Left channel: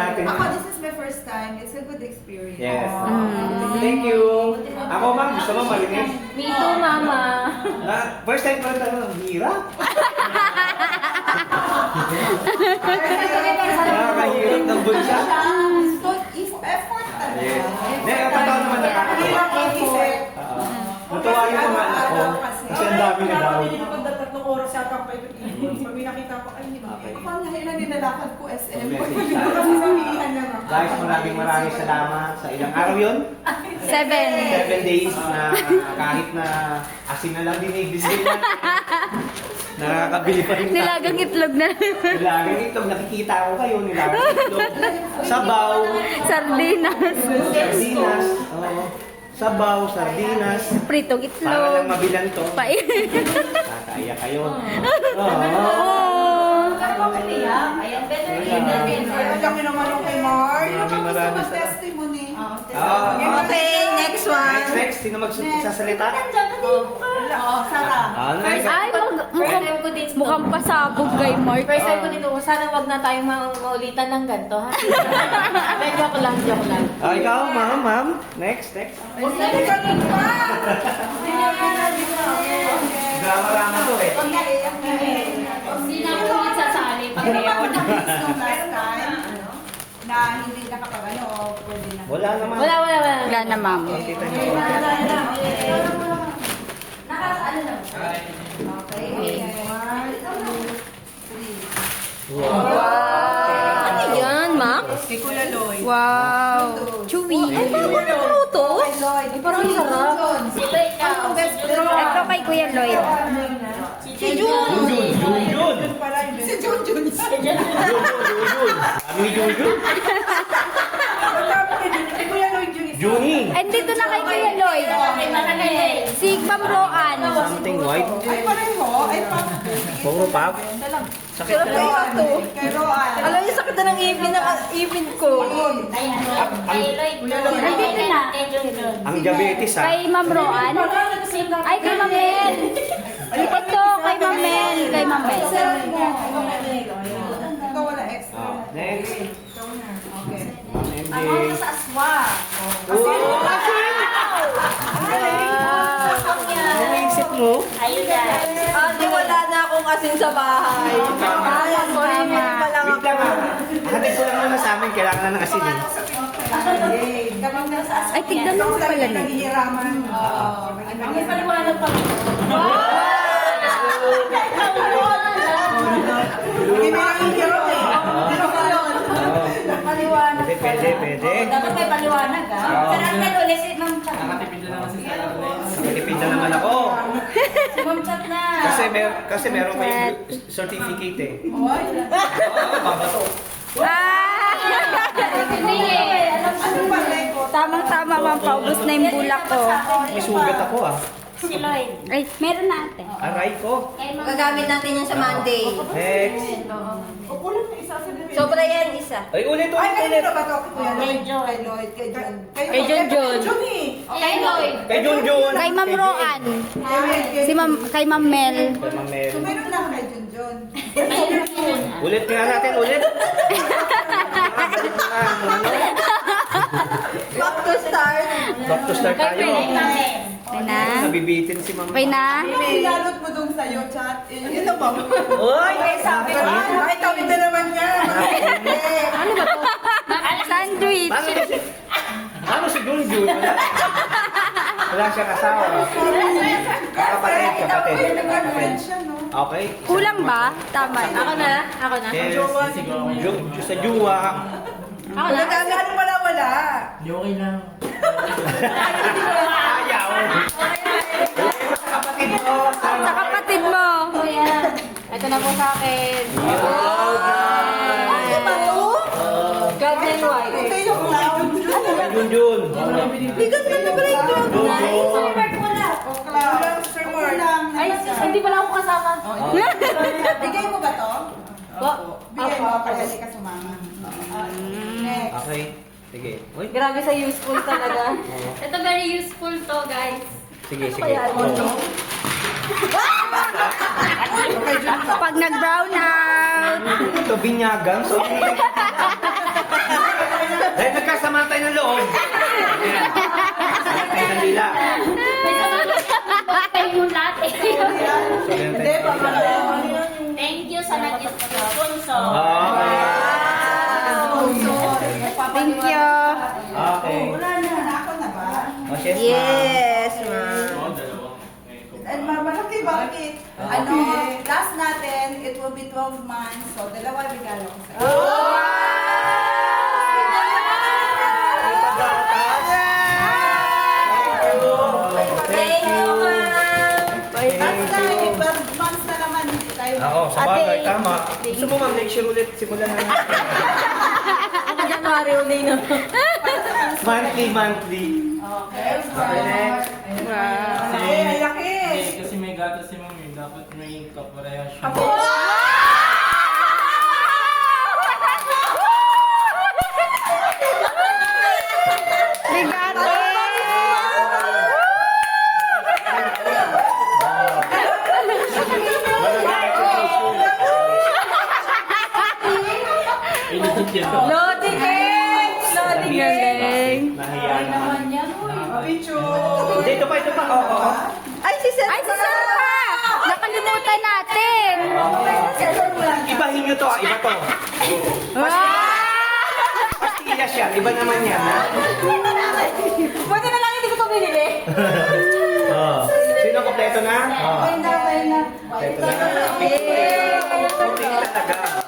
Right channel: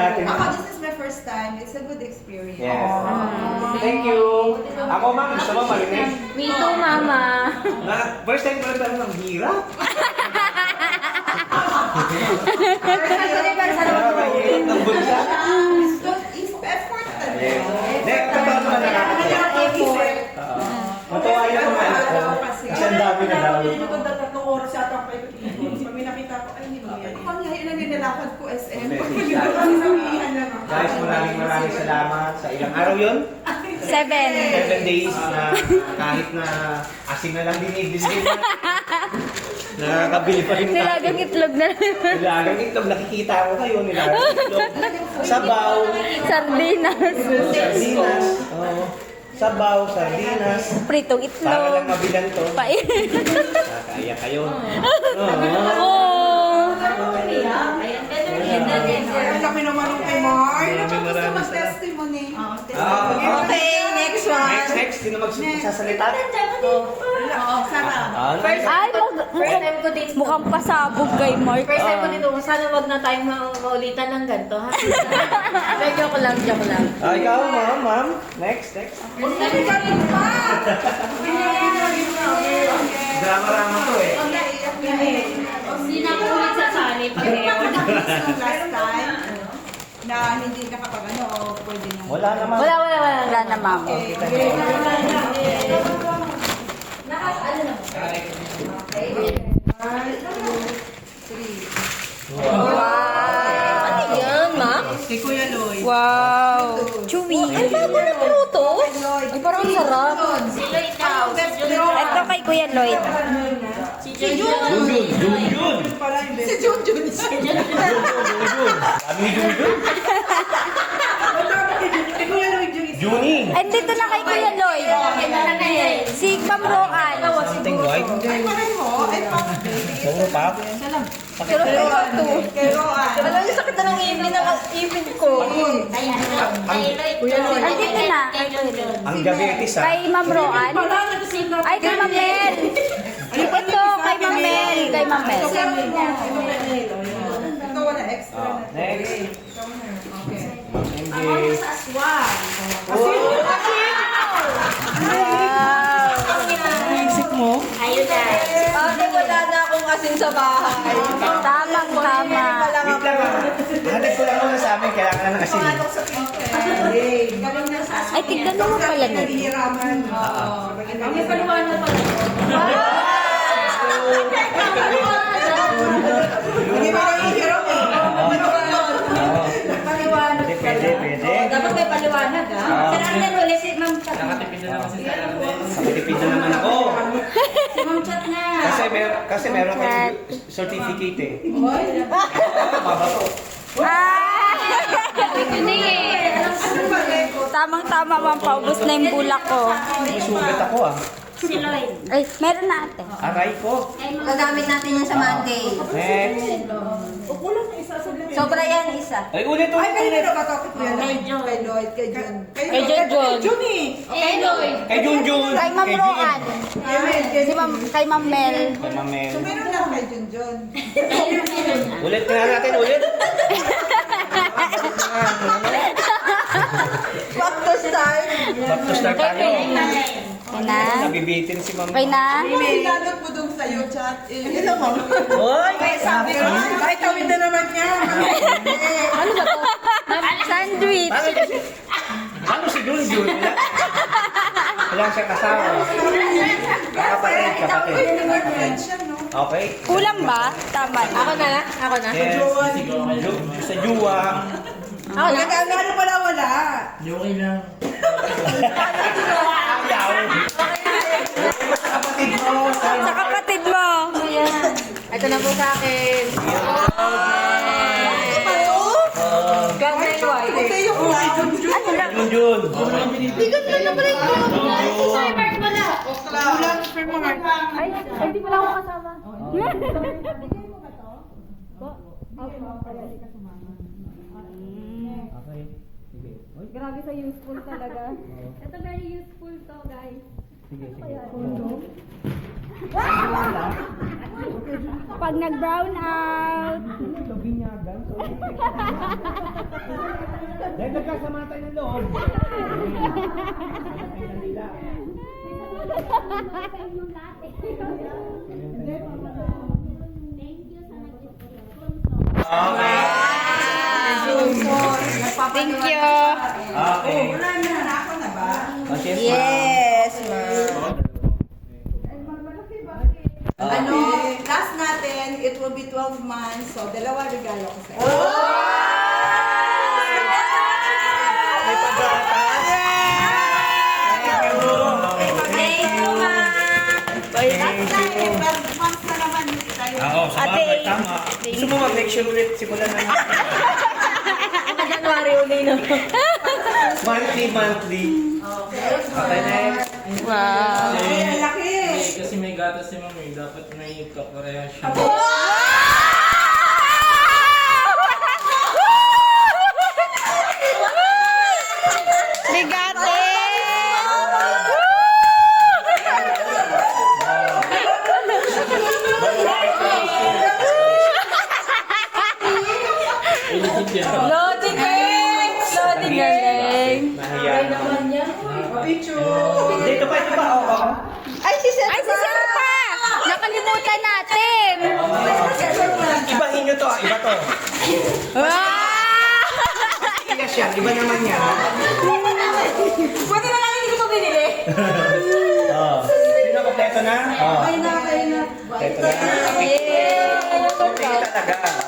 Ako, this is my first time. It's a good experience. Yes. Thank you. Ako ma'am, gusto mo malinis? Me too, mama. First time ko lang ang hirap. Mahirap ng bulsa. Is effort talaga. Yes. Hindi, ang totoo naman Matuwa yung mga anak ko. Kasi ang dami na daw. Hindi ko tatlong oras yata pa ito. Pag may nakita ko, ay hindi ko yan. Ako, ngayon na nilalakad ko SM. Guys, maraming salamat sa ilang araw yun. 7. 7 days na kahit na asin na lang dinigdisig na. Nakakabili pa rin tayo. Nilagang itlog na. Nilagang itlog. Nakikita ko kayo. Nilagang itlog. Sabaw. Sardinas. Sardinas. Oo. Sabaw, sardinas. Pritong Para itlog. lang mabilan to. Pait. Kaya kayo. Oh. Kami naman yung kay Mar. Maraming Testimony. Okay, next one. Next. Sino magsasalita? Sarah. Ay, mukhang pasabog kay Mark. First time ko dito, sana wag na tayong maulitan ng ganito, ha? Pero joke lang. Ikaw, ma'am. Next. Drama-rama to eh. Hindi na ako ulit sasali pag Last time, na hindi nakapag o pwede na. Wala naman. Wala na, ma'am. Wow. Ano yan, ma'am? Si Kuya Lloyd. Wow. Chewy. Ay, bago na pruto? Lloyd. Ay, parang sarap. Sino ikaw? Ito kay Kuya Lloyd. Si Junjun. Si Junjun. Kami ni Junjun. Si Kuya Lloyd yung isa. Juning. Andito na kay Kuya Lloyd. Si Ma'am Roan. Something white. Ay, pareho. Ay, Puro pap. Sakit Pero ko. ito. pero Alam niyo, sakit na ng ipin ko. Andito na. Ang diabetes ha. Kay Ma'am Roan. Ay, kay Ma'am Mel. Ito, kay Ma'am Mel. Kay Ma'am Mel. ikaw wala extra. Next. Ako sa swag. Wow. Naisip mo? Ayun na. Ate, wala na akong asin sa bahay. Tamang-tama. Wait lang ha. Hatid ko lang muna sa amin. Kailangan ng asin eh. Ay, tignan mo pala na. Nahihiraman. May paliwanag pa. Hindi mo nangihirap eh. Pwede. Dapat may paliwanag, ha? Pero ang nalo, let's say, Ma'am Chat. Matipid na naman ako. Si Ma'am Chat na. Kasi meron tayong certificate eh. Babato. Hindi eh. Tamang-tama, ma'am. Paubos na yung bulak ko. May sugat ako ah. Si Lloyd. Ay, meron na ate. Aray ko. Gagamit natin yung sa Monday. Next. Sobra yan, isa. Ay, ulit. Ay, kanina na ba ito? Kuya Lloyd, kay Lloyd, kay Jun. Kay Junjun. Jun eh. Kay Lloyd. Kay Junjun. Kay Ma'am Roan. Si Ma'am, kay Ma'am Mel. Kay Ma'am Mel. So, meron lang kay Junjun. Ulit nga natin, ulit. Back to start. Back to start tayo. Okay na? Nabibitin si Ma'am. Okay na? Ano pinalot mo dun sa'yo, chat? Ito, ma'am. Oy! Ay, tawid na naman niya. Ano ba to? Sandwich. Paano si Junjun? Wala siyang asawa. Kapatid. Nag-friend siya, no? Okay. Kulang ba? Tama. Ako na? Ako na? Yes. Sa juwa. Ako na? Ano pala wala? Sa kapatid mo. Ito na po sa akin. Gamay white. Ito yung Junjun. Ano lang? Junjun. Bigat na na pala yung Ay, hindi pala ako kasama. Bigay mo ba to? Bigay mo para hindi ka sumama. Next. Okay. Sige. Uy. Grabe sa useful talaga. Ito very useful to, guys. Sige. Pag nag-brown out. Ito binyagan. So, Thank you. Okay. Wala na. Ako na ba? Oh, yes, ma'am. Yes, ma'am. Malaki bakit? Ano, last natin, it will be 12 months. So, dalawa regalo ko sa iyo. Thank you, ma'am. Last time, 12 months na naman tayo. Oo, sa bagay, tama. Gusto mo mag-make sure ulit si Kulan na January uli, no? monthly. Okay, next. Wow. Ay, laki. Kasi may gatas si mami, dapat may kaparehas siya. Ligate. Loading eh! Loading eh! Galing. Nahiya naman. Picture. Dito pa. Oo. Ay, si Sir pa! Nakalimutan natin. Ibahin nyo to. Iba to. Wow! Ilas yan. Iba naman yan. Buti na lang hindi ko ito binili. Oo. Sino kompleto na? Oo. Kaya na. Kompleto na. Yay! Okay talaga.